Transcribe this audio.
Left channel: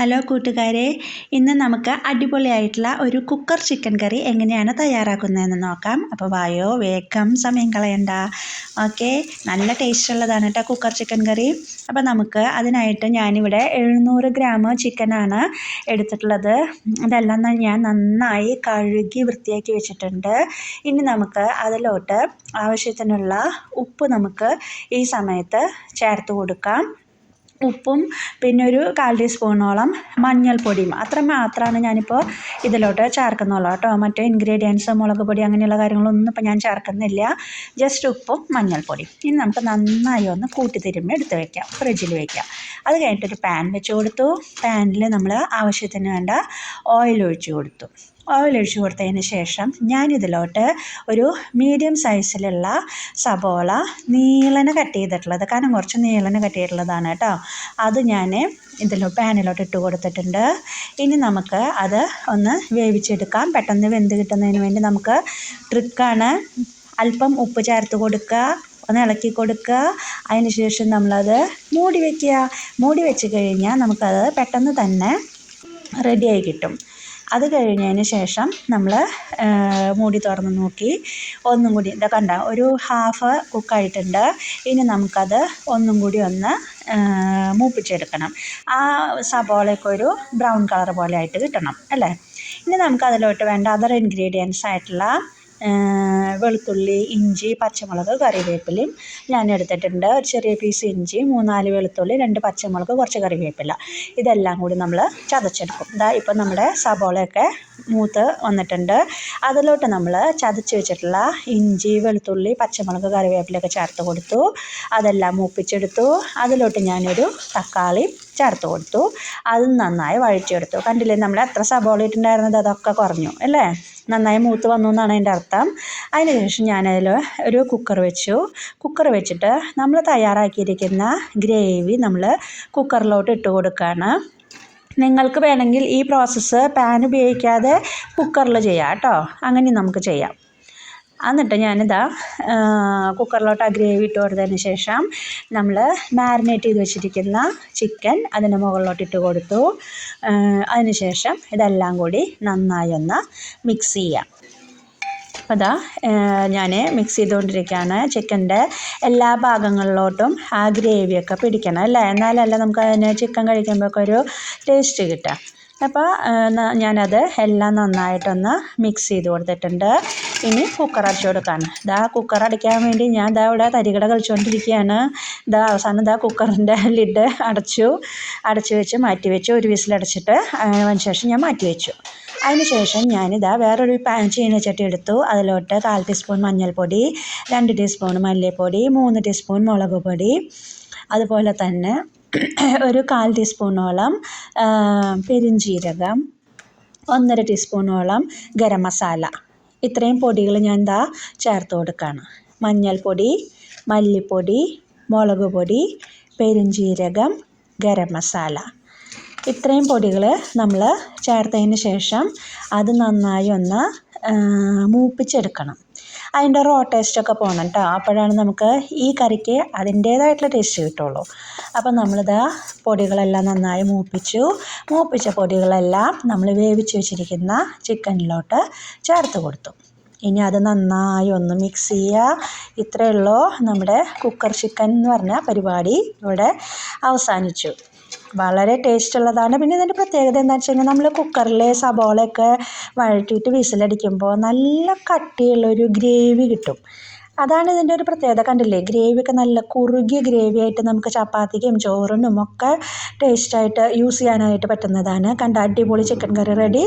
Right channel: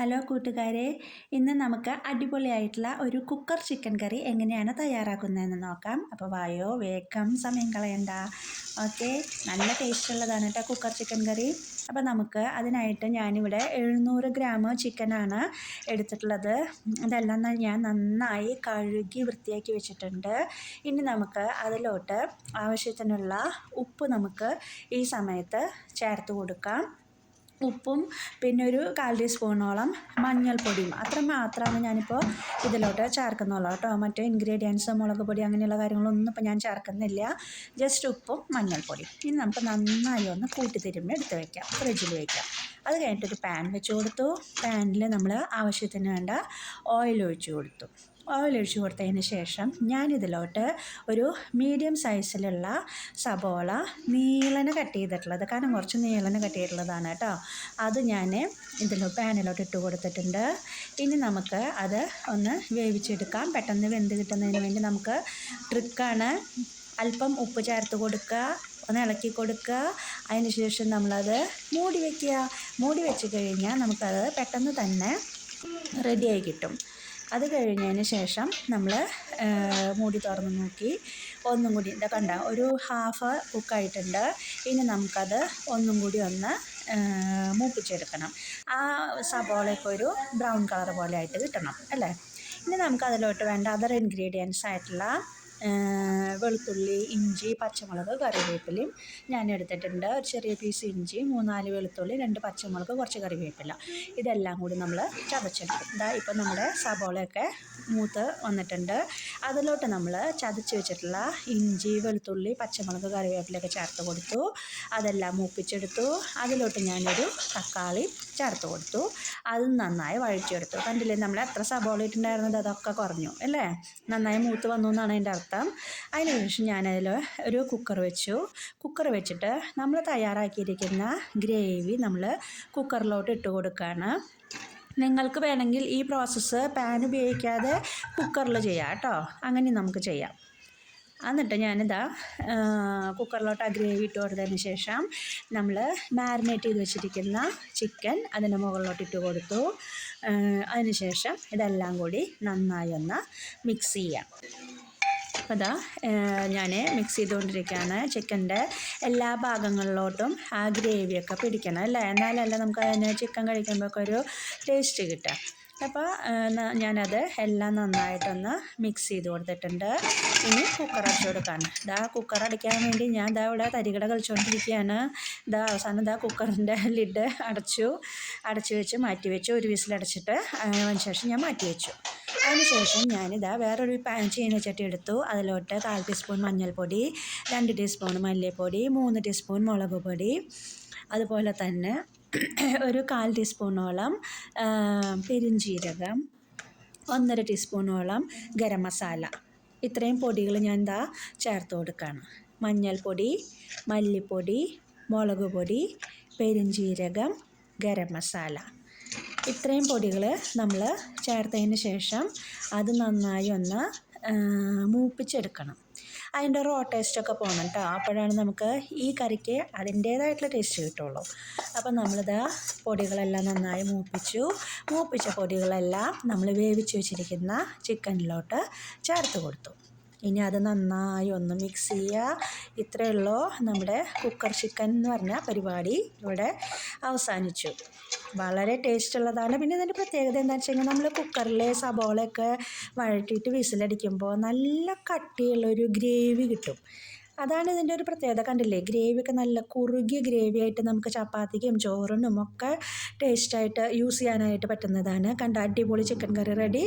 Hello കൂട്ടുകാരെ, ഇന്ന് നമുക്ക് അടിപൊളിയായിട്ടുള്ള ഒരു കുക്കർ ചിക്കൻ കറി എങ്ങനെയാണ് തയ്യാറാക്കുന്നതെന്ന് നോക്കാം. അപ്പോൾ വായോ, വേഗം സമയം കളയണ്ട. ഓക്കെ, നല്ല ടേസ്റ്റ് ഉള്ളതാണ് കേട്ടോ കുക്കർ ചിക്കൻ കറി. അപ്പോൾ നമുക്ക് അതിനായിട്ട് ഞാനിവിടെ 700 ഗ്രാം ചിക്കനാണ് എടുത്തിട്ടുള്ളത്. അതെല്ലാം ഞാൻ നന്നായി കഴുകി വൃത്തിയാക്കി വെച്ചിട്ടുണ്ട്. ഇനി നമുക്ക് അതിലോട്ട് ആവശ്യത്തിനുള്ള ഉപ്പ് നമുക്ക് ഈ സമയത്ത് ചേർത്ത് കൊടുക്കാം. ഉപ്പും പിന്നെ ഒരു 1/4 ടീസ്പൂണോളം മഞ്ഞൾപ്പൊടിയും അത്ര മാത്രമാണ് ഞാനിപ്പോൾ ഇതിലോട്ട് ചേർക്കുന്നുള്ളൂ കേട്ടോ. മറ്റേ ഇൻഗ്രീഡിയൻസ് മുളക് പൊടി അങ്ങനെയുള്ള കാര്യങ്ങളൊന്നും ഇപ്പോൾ ഞാൻ ചേർക്കുന്നില്ല. ജസ്റ്റ് ഉപ്പും മഞ്ഞൾപ്പൊടിയും. ഇനി നമുക്ക് നന്നായി ഒന്ന് കൂട്ടി തിരുമ്മി എടുത്ത് വയ്ക്കാം, ഫ്രിഡ്ജിൽ വയ്ക്കാം. അത് കഴിഞ്ഞിട്ടൊരു പാൻ വെച്ച് കൊടുത്തു. പാനിൽ നമ്മൾ ആവശ്യത്തിന് വേണ്ട ഓയിൽ ഒഴിച്ച് കൊടുത്തു. ഓയിൽ ഒഴിച്ച് കൊടുത്തതിന് ശേഷം ഞാനിതിലോട്ട് ഒരു മീഡിയം സൈസിലുള്ള സബോള നീളനെ കട്ട് ചെയ്തിട്ടുള്ളത്, കാരണം കുറച്ച് നീളനെ കട്ട് ചെയ്തിട്ടുള്ളതാണ് കേട്ടോ, അത് ഞാൻ പാനിലോട്ട് ഇട്ട് കൊടുത്തിട്ടുണ്ട്. ഇനി നമുക്ക് അത് ഒന്ന് വേവിച്ചെടുക്കാം. പെട്ടെന്ന് വെന്ത് കിട്ടുന്നതിന് വേണ്ടി നമുക്ക് ട്രിക്കാണ്. അല്പം ഉപ്പ് ചേർത്ത് കൊടുക്കുക, ഒന്ന് ഇളക്കി കൊടുക്കുക. അതിന് ശേഷം നമ്മളത് മൂടി വയ്ക്കുക. മൂടി വെച്ച് കഴിഞ്ഞാൽ നമുക്കത് പെട്ടെന്ന് തന്നെ റെഡിയായി കിട്ടും. അത് കഴിഞ്ഞതിന് ശേഷം നമ്മൾ മൂടി തുറന്ന് നോക്കി ഒന്നും കൂടി കണ്ട ഒരു ഹാഫ് കുക്കായിട്ടുണ്ട്. ഇനി നമുക്കത് ഒന്നും കൂടി ഒന്ന് മൂപ്പിച്ചെടുക്കണം. ആ സബോളയൊക്കെ ഒരു ബ്രൗൺ കളർ പോലെ ആയിട്ട് കിട്ടണം അല്ലേ. ഇനി നമുക്കതിലോട്ട് വേണ്ട അതർ ഇൻഗ്രീഡിയൻസ് ആയിട്ടുള്ള വെളുത്തുള്ളി, ഇഞ്ചി, പച്ചമുളക്, കറിവേപ്പിലയും ഞാൻ എടുത്തിട്ടുണ്ട്. ഒരു ചെറിയ പീസ് ഇഞ്ചി, 3-4 വെളുത്തുള്ളി, 2 പച്ചമുളക്, കുറച്ച് കറിവേപ്പില, ഇതെല്ലാം കൂടി നമ്മൾ ചതച്ചെടുക്കും. ഇപ്പം നമ്മുടെ സബോളയൊക്കെ മൂത്ത് വന്നിട്ടുണ്ട്. അതിലോട്ട് നമ്മൾ ചതച്ച് വെച്ചിട്ടുള്ള ഇഞ്ചി, വെളുത്തുള്ളി, പച്ചമുളക്, കറിവേപ്പിലയൊക്കെ ചേർത്ത് കൊടുത്തു. അതെല്ലാം മൂപ്പിച്ചെടുത്തു. അതിലോട്ട് ഞാനൊരു തക്കാളി ചേർത്ത് കൊടുത്തു. അതും നന്നായി വഴറ്റിയെടുത്തു. കണ്ടില്ലേ, നമ്മൾ എത്ര സബോള ഇട്ടുണ്ടായിരുന്നത് അതൊക്കെ കുറഞ്ഞു അല്ലേ. നന്നായി മൂത്ത് വന്നു എന്നാണ് അതിൻ്റെ അർത്ഥം. അതിന് ശേഷം ഞാനതിൽ ഒരു കുക്കർ വെച്ചു. കുക്കർ വെച്ചിട്ട് നമ്മൾ തയ്യാറാക്കിയിരിക്കുന്ന ഗ്രേവി നമ്മൾ കുക്കറിലോട്ട് ഇട്ട് കൊടുക്കുകയാണ്. നിങ്ങൾക്ക് വേണമെങ്കിൽ ഈ പ്രോസസ്സ് പാൻ ഉപയോഗിക്കാതെ കുക്കറിൽ ചെയ്യാം കേട്ടോ, അങ്ങനെ നമുക്ക് ചെയ്യാം. എന്നിട്ട് ഞാനിതാ കുക്കറിലോട്ട് ആ ഗ്രേവി ഇട്ട് കൊടുത്തതിന് ശേഷം നമ്മൾ മാരിനേറ്റ് ചെയ്ത് വെച്ചിരിക്കുന്ന ചിക്കൻ അതിന് മുകളിലോട്ട് ഇട്ട് കൊടുത്തു. അതിന് ശേഷം ഇതെല്ലാം കൂടി നന്നായി ഒന്ന് മിക്സ് ചെയ്യാം. അപ്പോൾ അതാ ഞാൻ മിക്സ് ചെയ്തുകൊണ്ടിരിക്കുകയാണ്. ചിക്കൻ്റെ എല്ലാ ഭാഗങ്ങളിലോട്ടും ആ ഗ്രേവിയൊക്കെ പിടിക്കണം അല്ലേ, എന്നാലല്ല നമുക്ക് അതിന് ചിക്കൻ കഴിക്കുമ്പോഴൊക്കെ ഒരു ടേസ്റ്റ് കിട്ടുക. അപ്പോൾ ഞാനത് എല്ലാം നന്നായിട്ടൊന്ന് മിക്സ് ചെയ്ത് കൊടുത്തിട്ടുണ്ട്. ഇനി കുക്കർ അടച്ചു കൊടുക്കാണ്. കുക്കർ അടയ്ക്കാൻ വേണ്ടി ഞാൻ ഇവിടെ തരികട കളിച്ചുകൊണ്ടിരിക്കുകയാണ്. അവസാനം കുക്കറിൻ്റെ ലിഡ് അടച്ചു വെച്ച് മാറ്റി വെച്ചു. ഒരു വിസിലടച്ചിട്ട് അതിന് ശേഷം ഞാൻ മാറ്റി വെച്ചു. അതിന് ശേഷം വേറൊരു ചീനച്ചട്ടി എടുത്തു. അതിലോട്ട് 1/4 ടീസ്പൂൺ മഞ്ഞൾപ്പൊടി, 2 ടീസ്പൂൺ മല്ലിപ്പൊടി, 3 ടീസ്പൂൺ മുളക് പൊടി, അതുപോലെ തന്നെ ഒരു 1/4 ടീസ്പൂണോളം പെരുംജീരകം, 1.5 ടീസ്പൂണോളം ഗരം മസാല, ഇത്രയും പൊടികൾ ഞാൻ ചേർത്ത് കൊടുക്കുകയാണ്. മഞ്ഞൾപ്പൊടി, മല്ലിപ്പൊടി, മുളക് പൊടി, പെരുംജീരകം, ഗരം മസാല, ഇത്രയും പൊടികൾ നമ്മൾ ചേർത്തതിന് ശേഷം അത് നന്നായി ഒന്ന് മൂപ്പിച്ചെടുക്കണം. അതിൻ്റെ റോ ടേസ്റ്റൊക്കെ പോകണം കേട്ടോ, അപ്പോഴാണ് നമുക്ക് ഈ കറിക്ക് അതിൻ്റേതായിട്ടുള്ള ടേസ്റ്റ് കിട്ടുള്ളൂ. അപ്പോൾ പൊടികളെല്ലാം നന്നായി മൂപ്പിച്ച പൊടികളെല്ലാം നമ്മൾ വേവിച്ച് വെച്ചിരിക്കുന്ന ചിക്കനിലോട്ട് ചേർത്ത് കൊടുത്തു. ഇനി അത് നന്നായി ഒന്ന് മിക്സ് ചെയ്യുക. ഇത്രയേ ഉള്ളൂ, നമ്മുടെ കുക്കർ ചിക്കൻ എന്ന് പറഞ്ഞ പരിപാടി ഇവിടെ അവസാനിച്ചു. വളരെ ടേസ്റ്റ് ഉള്ളതാണ്. പിന്നെ ഇതിൻ്റെ പ്രത്യേകത എന്താണെന്ന് വെച്ച് കഴിഞ്ഞാൽ നമ്മൾ കുക്കറിൽ സബോളയൊക്കെ വഴറ്റിയിട്ട് വിസിലടിക്കുമ്പോൾ നല്ല കട്ടിയുള്ളൊരു ഗ്രേവി കിട്ടും. അതാണ് ഇതിൻ്റെ ഒരു പ്രത്യേകത. കണ്ടില്ലേ, ഗ്രേവിയൊക്കെ നല്ല കുറുകിയ ഗ്രേവി ആയിട്ട് നമുക്ക് ചപ്പാത്തിക്കും ചോറിനും ഒക്കെ ടേസ്റ്റായിട്ട് യൂസ് ചെയ്യാനായിട്ട് പറ്റുന്നതാണ്. അടിപൊളി ചിക്കൻ കറി റെഡി.